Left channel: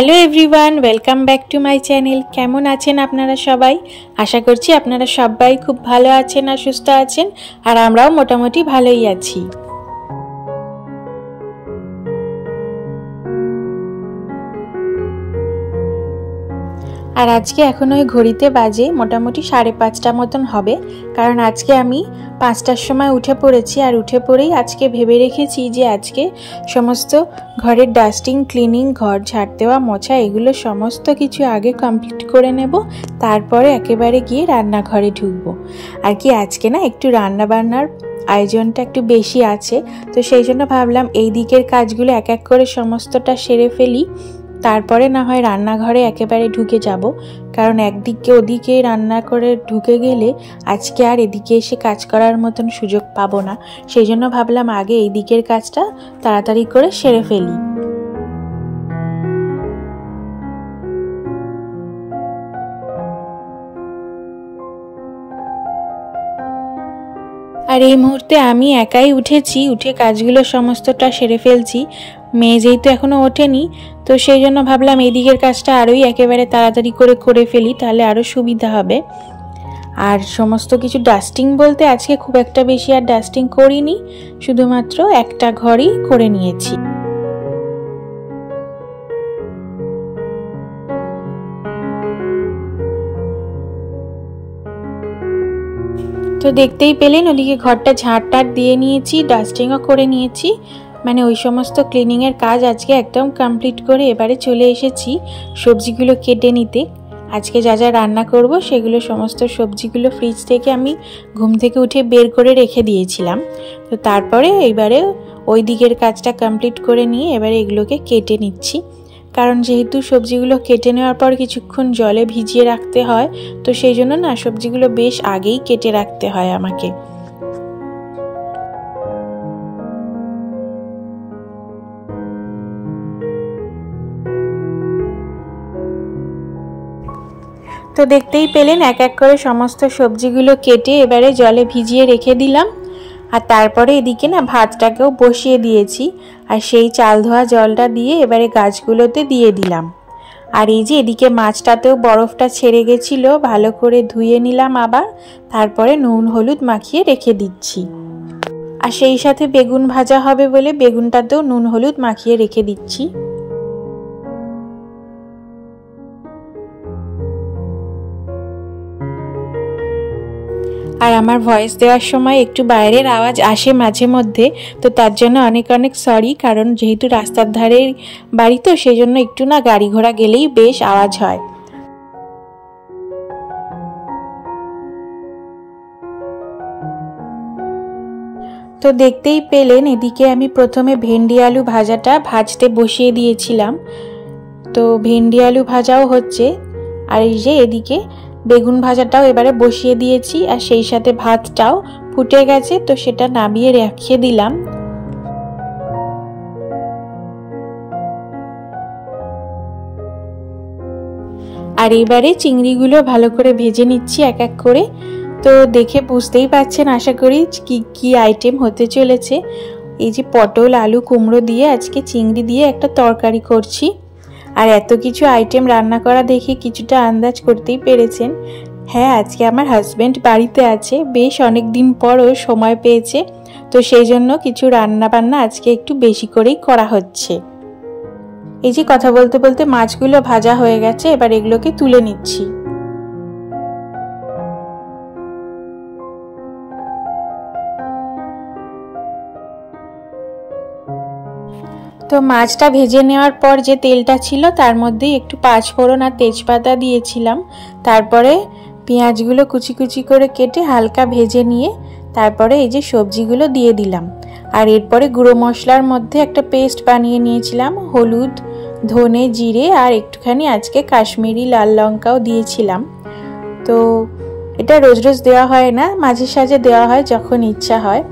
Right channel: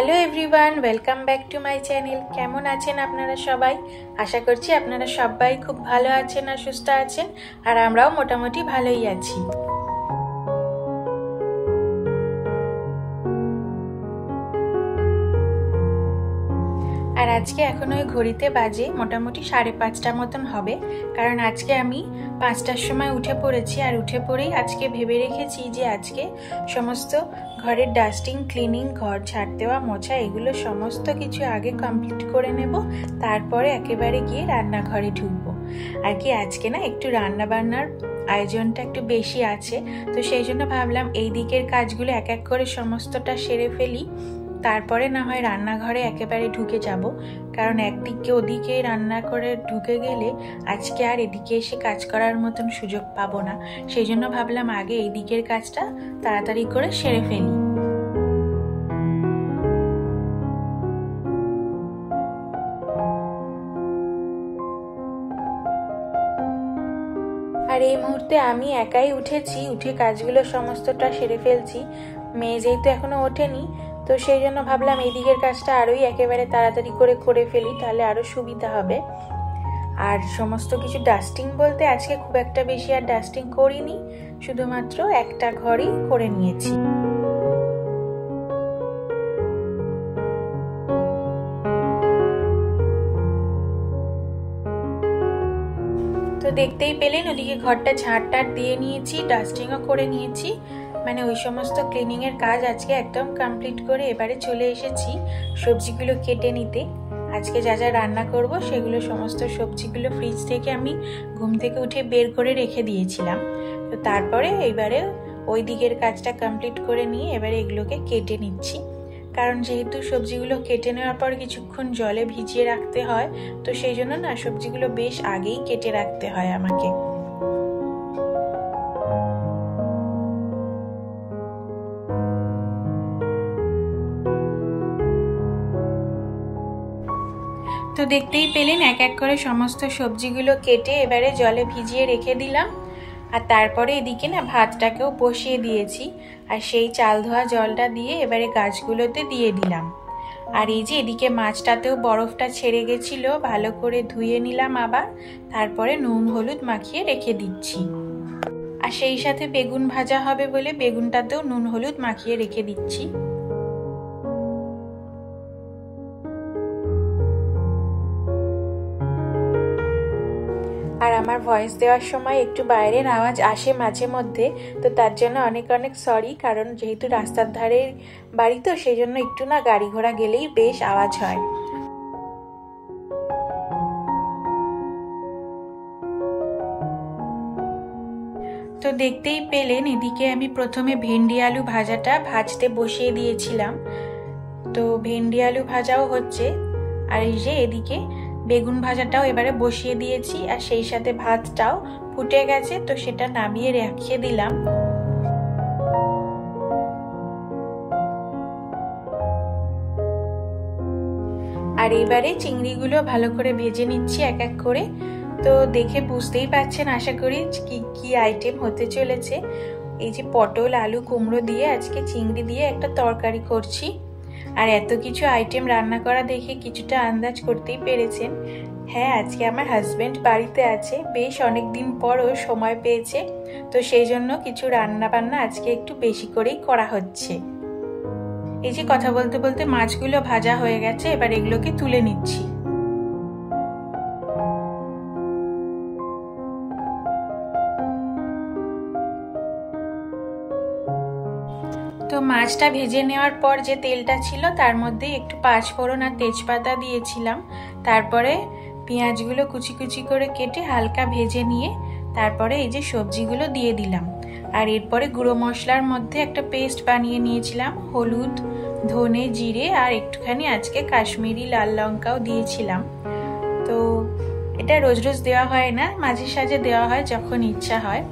Hello everyone welcome back to my channel. केमन आছেন আপনারা সবাই? আশা করছি আপনারা সবাই খুব ভালো আছেন আর সুস্থ আছেন, আর আমরাও মোটামুটি ভালোই আছি। আর আজকে এখন ওই ঘড়িতে বাজে মোটামুটি 5:30 মতন হবে, কারণ আজকে আমি 5টার সময় উঠে পড়েছি। আর উঠে পড়েই আজকে ভেবে রেখেছি যে আজকে সমস্ত ঘরের ডাস্টিং, ক্লিনিং, ঘর ঝাড় দেওয়া, মোছা এগুলো সমস্ত কিছু আগে কমপ্লিট করে নেব, তারপরে একেবারে গিয়ে রান্নাঘরে ঢুকবো। আর কি আজকে না একটু রান্না বান্নার আয়োজনটা একটু বেশি আছে, তো সেই জন্য ভাবলাম এই দিকের কাজগুলো এক এক করে সমস্তটা সেরে ফেলি, তারপরে না হয় রান্নাঘরে একেবারে ঢুকে যাব। কারণ একদিকে ওদিকে রান্না করে ঢুকে গেলে আজকে আর এদিকে এসে কাজ করার মতন সুযোগ পাবো না। সেই জন্য ভাবলাম আগে এই দিকের কাজটা তাড়াতাড়ি করে সেরে ফেলি। আর এই মুহূর্তে আমি একাই উঠেছি, উঠে কাজগুলো সমস্তটা সেরে ফেলছি। মেয়ে যেহেতু এখনো ওঠেনি, তো সেই জন্য ভাবলাম এই দিকের কাজটা আরোই একেবারে তাড়াতাড়ি করে ফেলি, তাহলে আরও সুবিধা হবে। আর সমস্ত কিছু ডাস্টিং বলতে আজকে খুব একটা বেশি আর ডাস্টিং করিনি, শুধুমাত্র একটা ঘরই করে নিয়েছি। তো দেখতেই পেলেন ওদিকে ঘরটা ঝাড়টার দিয়ে নিয়েছি, ডাস্টিংও করে নিয়েছি, মানে ওই সমস্ত ক্লিনিংয়ের কাজ আজকে একদম কমপ্লিট করে এবারে চলে এসেছি সবজিগুলো কেটে নিতে। আজকে যা যা রান্না করব সেগুলো সমস্ত সবজিগুলো ফ্রিজ থেকে আমি ঘুম থেকে উঠে বের করে রেখে দিয়েছিলাম। তো তারপরে এবারে ওই দিকের কাজটা কমপ্লিট করে নিয়ে এবারে এগুলোকে কেটে নিচ্ছি, কারণ যেহেতু সবজিগুলো কেটে নেওয়ার পর কিছুক্ষণ জলে ভিজিয়ে রাখতে হয়, তো সেই জন্য না সবজিগুলো বেশ আগেই কেটে রাখতে হয় আমাকে। তো দেখতেই পেলেন এক এক করে সমস্ত সবজিগুলো কেটে এবারে জলে ভিজিয়ে রেখে দিলাম। আর তারপরে এদিকে না ভাতটাকেও বসিয়ে দিয়েছি, আর সেই চাল ধোয়া জলটা দিয়ে এবারে গাছগুলোতে দিয়ে দিলাম। আর এই যে এদিকে মাছটাতেও বরফটা ছেড়ে গেছিল, ভালো করে ধুয়ে নিলাম আবার, তারপরে নুন হলুদ মাখিয়ে রেখে দিচ্ছি। আর সেই সাথে বেগুন ভাজা হবে বলে বেগুনটাতেও নুন হলুদ মাখিয়ে রেখে দিচ্ছি। আর আমার ভয়েস দেওয়ার সময় একটু বাইরের আওয়াজ আসে মাঝে মধ্যে, তো তার জন্য অনেক অনেক সরি, কারণ যেহেতু রাস্তার ধারে বাড়ি, তো সেই জন্য একটু না গাড়ি ঘোড়া গেলেই বেশ আওয়াজ হয়। তো দেখতেই পেলেন এদিকে আমি প্রথমে ভেন্ডি আলু ভাজাটা ভাজতে বসিয়ে দিয়েছিলাম, তো ভেন্ডি আলু ভাজাও হচ্ছে। আর এই যে এদিকে বেগুন ভাজাটাও এবারে বসিয়ে দিয়েছি, আর সেই সাথে ভাতটাও ফুটে গেছে, তো সেটা নামিয়ে রেখে দিলাম। আর এবারে চিংড়িগুলো ভালো করে ভেজে নিচ্ছি এক এক করে। তো দেখে বুঝতেই পারছেন আশা করি কি কি আইটেম হতে চলেছে। এই যে পটল, আলু, কুমড়ো দিয়ে আজকে চিংড়ি দিয়ে একটা তরকারি করছি। আর এত কিছু আইটেম রান্না করা দেখে কিছুটা আন্দাজ করতেই পেরেছেন। হ্যাঁ, আজকে আমার হাজব্যান্ড বাড়িতে আছে, বেশ অনেক দিন পরও সময় পেয়েছে, তো সেই জন্য কিছু রান্না বান্না আজকে একটু বেশি করেই করা হচ্ছে। এই যে কথা বলতে বলতে মাছগুলো ভাজা হয়ে গেছে, এবার এগুলোকে তুলে নিচ্ছি। তো মাছটা ভেজে নেওয়ার পর যে তেলটা ছিল তার মধ্যে একটু পাঁচফোড়ন আর তেজপাতা দিয়েছিলাম, তারপরে পেঁয়াজগুলো কুচি কুচি করে কেটে হালকা ভেজে নিয়ে তারপরে এই যে সবজিগুলো দিয়ে দিলাম। আর এরপরে গুঁড়ো মশলার মধ্যে একটা পেস্ট বানিয়ে নিয়েছিলাম, হলুদ, ধনে, জিরে আর একটুখানি আজকে কাশ্মীরি লাল লঙ্কাও দিয়েছিলাম। তো এটা রোজ রোজ দেওয়া হয় না, মাঝে সাঝে দেওয়া হয় যখন ইচ্ছা হয়।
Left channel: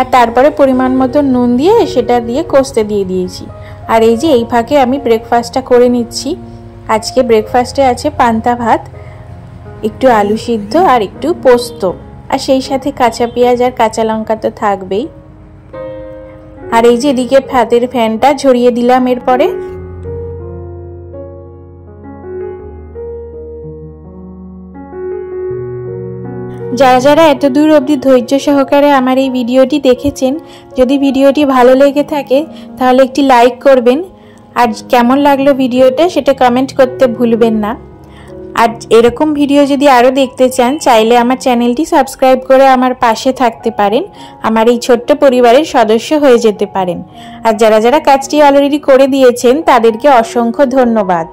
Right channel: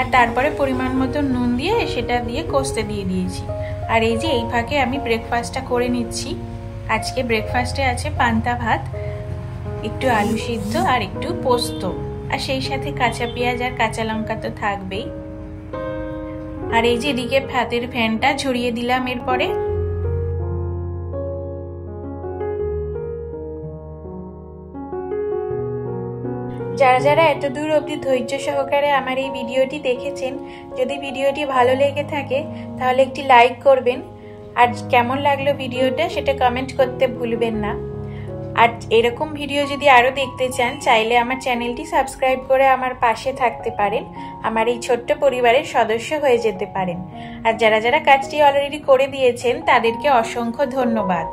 আর তারপরে পরিমাণ মতো নুন দিয়ে সেটা দিয়ে কষতে দিয়ে দিয়েছি। আর এই যে এই ফাঁকে আমি ব্রেকফাস্টটা করে নিচ্ছি। আজকে ব্রেকফাস্টে আছে পান্তা ভাত, একটু আলু সিদ্ধ আর একটু পোস্ত, আর সেই সাথে কাঁচা পেঁয়াজ আর কাঁচা লঙ্কা তো থাকবেই। আর এই যে এদিকে ভাতের ফ্যানটা ঝরিয়ে দিলাম। এরপরে যারা যারা এত দূর অবধি ধৈর্য সহকারে আমার এই ভিডিওটি দেখেছেন, যদি ভিডিওটি ভালো লেগে থাকে তাহলে একটি লাইক করবেন, আর কেমন লাগলো ভিডিওটা সেটা কমেন্ট করতে ভুলবেন না। আর এরকম ভিডিও যদি আরও দেখতে চান, চাইলে আমার চ্যানেলটি সাবস্ক্রাইব করে আমার পাশে থাকতে পারেন, আমার এই ছোট্ট পরিবারের সদস্য হয়ে যেতে পারেন। আর যারা যারা কাজটি অলরেডি করে দিয়েছেন তাদেরকে অসংখ্য ধন্যবাদ।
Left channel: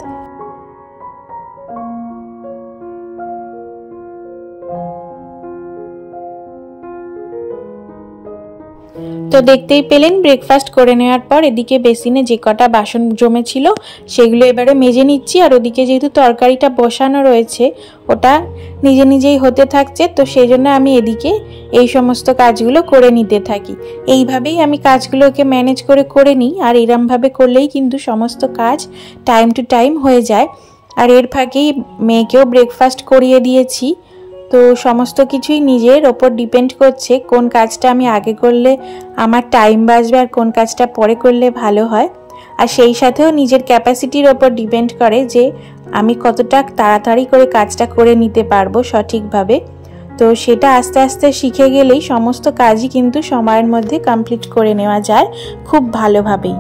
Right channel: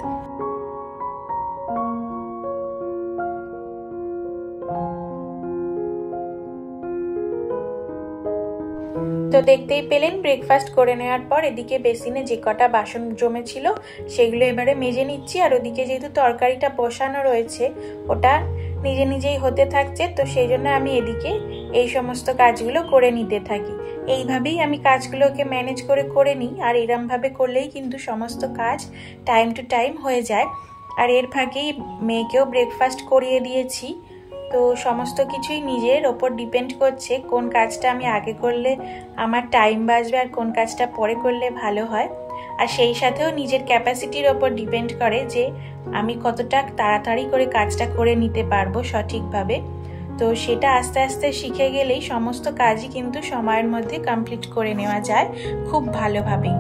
তো দেখতেই পেলেন ব্রেকফাস্ট করে নেওয়ার পর এদিকে বেসিনে যে কটা বাসন জমেছিল সেগুলো এবারে মেজে নিচ্ছি। আর ওদিকে যেহেতু তরকারিটা বসানো রয়েছে ওটা নিজে নিজেই হতে থাকছে, তো সেই জন্য আমি এদিকে এই সমস্ত কাজগুলো করে নিতে থাকি। এইভাবেই আমি কাজগুলোকে ম্যানেজ করে নিই, আর এরমভাবে করলেই কিন্তু সমস্ত কাজ টাইম টু টাইম হয়ে যায়। আর এর ফাঁকেই মেয়েকেও ব্রেকফাস্ট করিয়ে দিয়েছি। তো সমস্ত কিছুই নিজের ওপর ডিপেন্ড করছে কোন কাজটা আমি আগে করলে আমার টাইম বাঁচবে আর কোন কাজটা পরে করলে ভালো হয়। আর সেই সাথেও নিজের ক্যাপাসিটির ওপর ডিপেন্ড করে যে আমি কতটা তাড়াতাড়ি করে কাজটা করে নিতে পারবো সঠিকভাবে। তো সেটা আস্তে আস্তে শিখে গেলেই সমস্ত কাজই কিন্তু সময়ের মধ্যে কমপ্লিট করে নেওয়া যায় খুব ভালোভাবেই।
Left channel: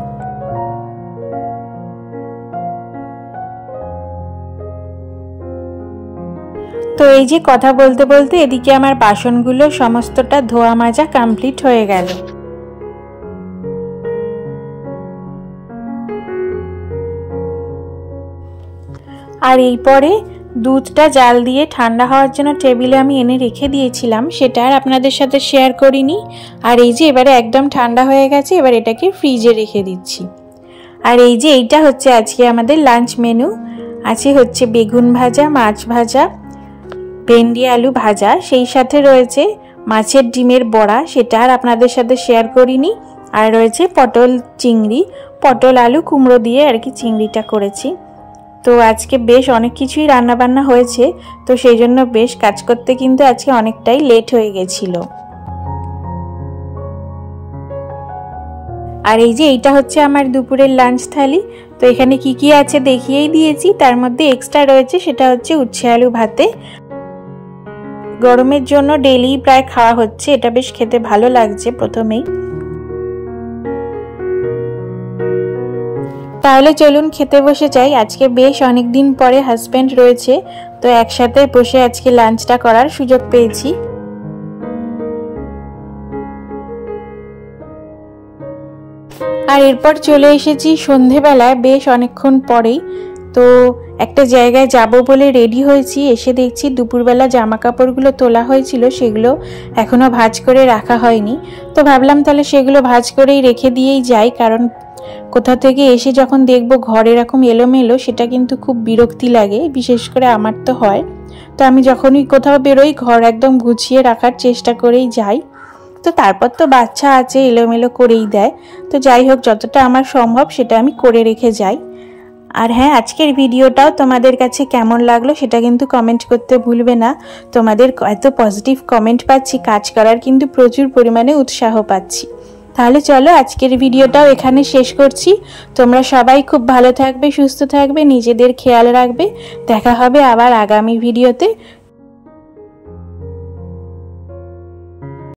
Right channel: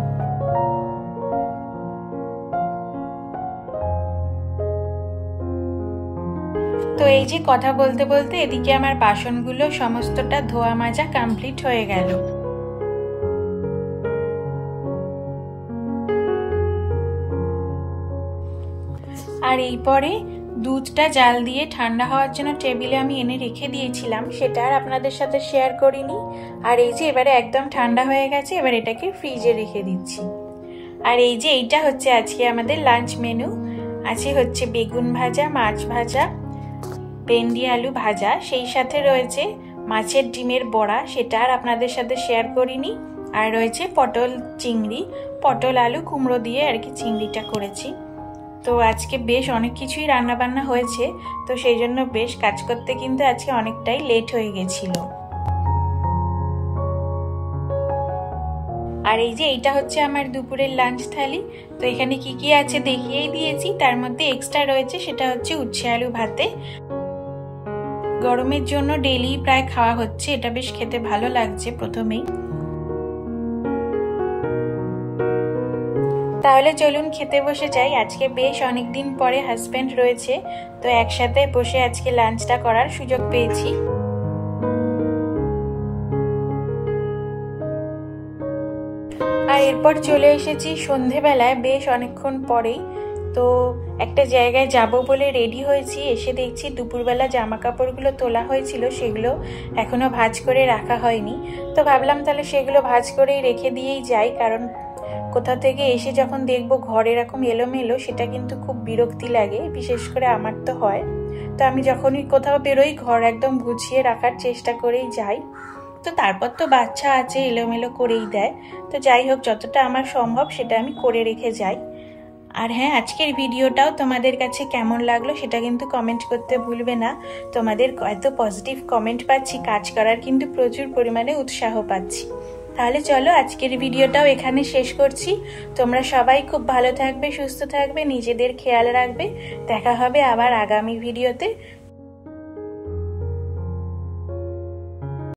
তো এই যে কথা বলতে বলতে এদিকে আমার বাসনগুলো সমস্তটা ধোয়া মাজা কমপ্লিট হয়ে গেল। আর এরপরে দুধটা জাল দিয়ে ঠান্ডা হওয়ার জন্য টেবিলে আমি এনে রেখে দিয়েছিলাম, সেটা আর আপনাদের সাথে শেয়ার করিনি। আর এই যে এবারে একদম ঠান্ডা হয়ে গেছে, এবার এটাকে ফ্রিজে রেখে দিচ্ছি। আর এই যে এইটা হচ্ছে আজকে আমাদের লাঞ্চ মেনু। আছে হচ্ছে বেগুন ভাজা, মাছ ভাজা, ভেন্ডি আলু ভাজা, সেই সাথে রয়েছে মাছের ডিমের বড়া, সেটা আর আপনাদের সাথে শেয়ার করিনি। আর রয়েছে পটল চিংড়ি, পটল আলু কুমড়ো দিয়ে আর কি চিংড়িটা করেছি। তো আজকে বেশ অনেক কিছুই রান্নাবান্না হয়েছে, তো সেই জন্য বেশ কাজ করতে কিন্তু আজকে অনেকটাই লেট হয়ে গেছিল। আর এই যে এইটা হচ্ছে আমার দুপুরের লাঞ্চ থালি। তো এখানে কি কি আছে দেখিয়েই দিয়েছি, তার মধ্যে এক্সট্রা রয়েছে সেটা হচ্ছে উচ্ছে আলু ভাতে। গরমের জন্য ডেইলি প্রায় খাওয়া হচ্ছে, এটা বেশ খেতে ভালো লাগছে প্রথমেই। তাহলে চলুন খেতে বসে যাই। আজকে বেশ অনেকদিন পরে হাজবেন্ড রয়েছে, তো একসাথে বসে আজকে লাঞ্চটা করার সুযোগ পেয়েছি। আর এরপর চলে এসেছি সন্ধেবেলায় বেশ অনেকক্ষণ পরেই। তো একটা জায়গায় যাব বলে রেডি হয়েছি, এসে দেখছি দুপুরবেলা জামা কাপড়গুলো তোলা হয়েছিল সেগুলো এখনো ভাঁজ করে রাখা হয়নি। তো ভাবলাম তাহলে সেগুলো ভাঁজ করেই রেখে দিয়েই যাই, কারণ কোথা থেকে এসে যখন দেখবো ঘর এরকম এলোমেলো সেটা কিন্তু খুব বিরক্তি লাগে, বিশেষ করে আমার তো হয়। তো আমি যখনই কোথাও বেরোই ঘর একদম গুছিয়ে রাখার চেষ্টা করেই যাই। তো তারপর তো বাচ্চা আছে, এলোমেলো করেই দেয়। তো যাই হোক, যতটা আমার সম্ভব সেটা আমি করে রেখে যাই। আর হ্যাঁ, আজকের ভিডিওটাও তোমাদের কাছে কেমন লাগলো সেটা কিন্তু কমেন্ট করতে ভুলবে না। তোমাদের এত পজিটিভ কমেন্ট পাচ্ছি, কাজ করার কিন্তু প্রচুর পরিমাণে উৎসাহ পাচ্ছি। তাহলে চলো আজকের ভিডিওটাও এখানে শেষ করছি। তোমরা সবাই খুব ভালো থাকবে, সুস্থ থাকবে, নিজেদের খেয়াল রাখবে। দেখা হবে আবার আগামী ভিডিওতে।